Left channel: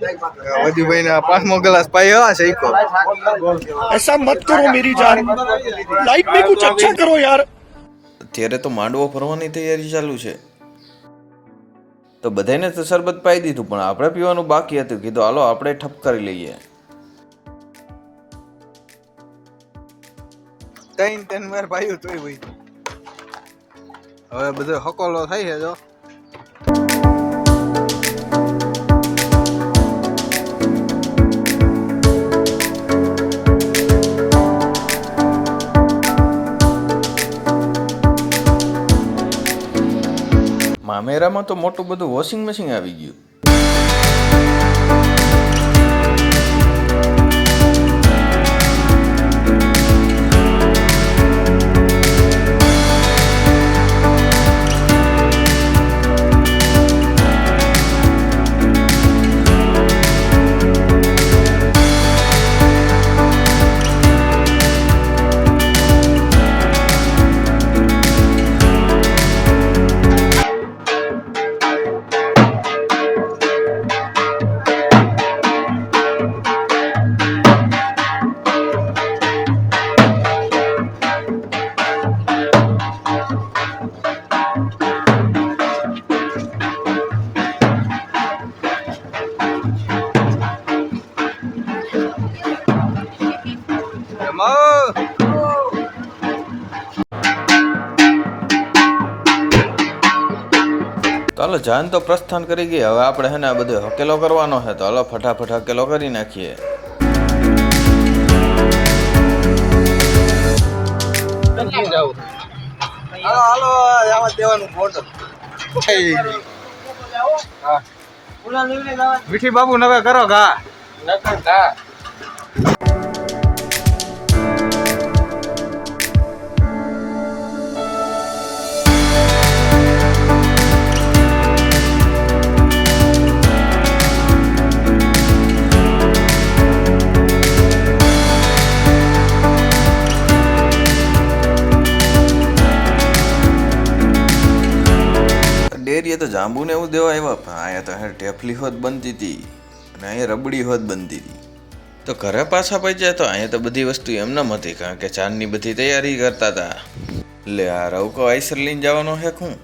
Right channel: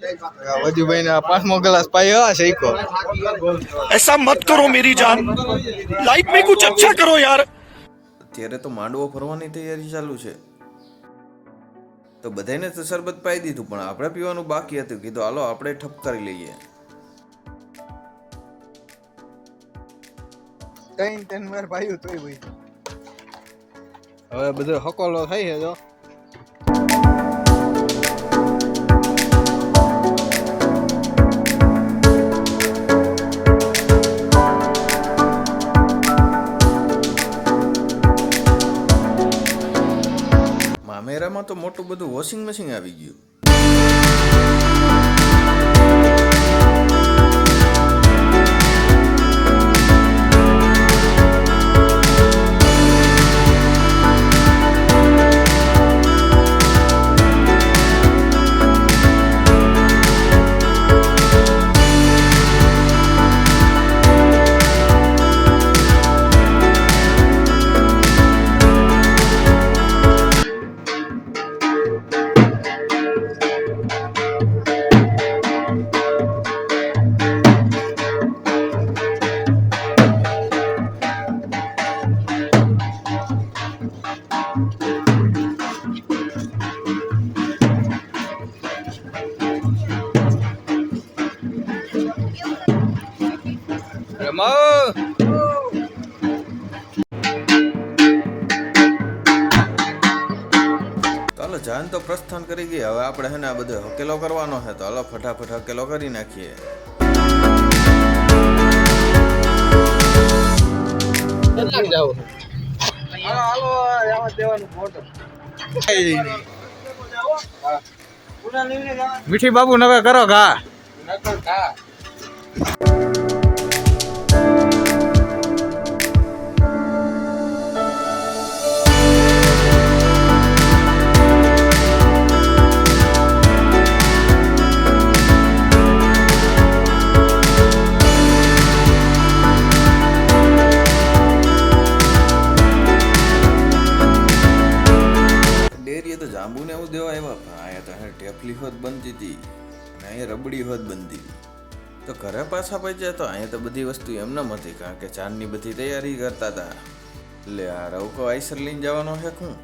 वजू भाई ने पांचमो गिलास पायो शेको ऐसा मत करो मेरी जान, लाइफ में कुछ अच्छा करो यार। અત્યારે તો માંડવો ભરવાની તૈયારી ચાલુ છે, તો બધાને તો શરબત પાઈ દીધું, પણ આપણે પીવાનું બાકી હતું. કીધું હાલો આપણે ઠપ કરી લઈએ. ત્રણ વાર પાયો તોય ભાઈ હવે બધો હકોલો થાય છે જો. મામેરામાં તો મોટું બધું વોશિંગ મશીન આવી ગયું. તો હાલો જાન તો પ્રસ્થાન કરી ગઈ. હવે આપણે હે ને આ બધો હકેલો કરવાનો છે, તો હાલો ફટાફટ હકેલો કરી નાખીએ. હાલો આવા દેવાનું બોટલ મીઠી બાબુ નવે કરો ઘા ડેરીએ તો જાંબુને એવું દેવા આવ્યા, પણ અહીંયા તો ટેફલી હોત બનતી હતી અને અહીંયા રબડી હોત બનતી હતી. તો ઘરે પાછા પહોંચ્યા તો અહીંયા તો બધી વસ્તુ એમનેમ હતી, કારણ કે ચાંદની બધી તૈયારી કરતા હતા. એટલે આ રવકો આઈસર લઈને જવાનો છે. હું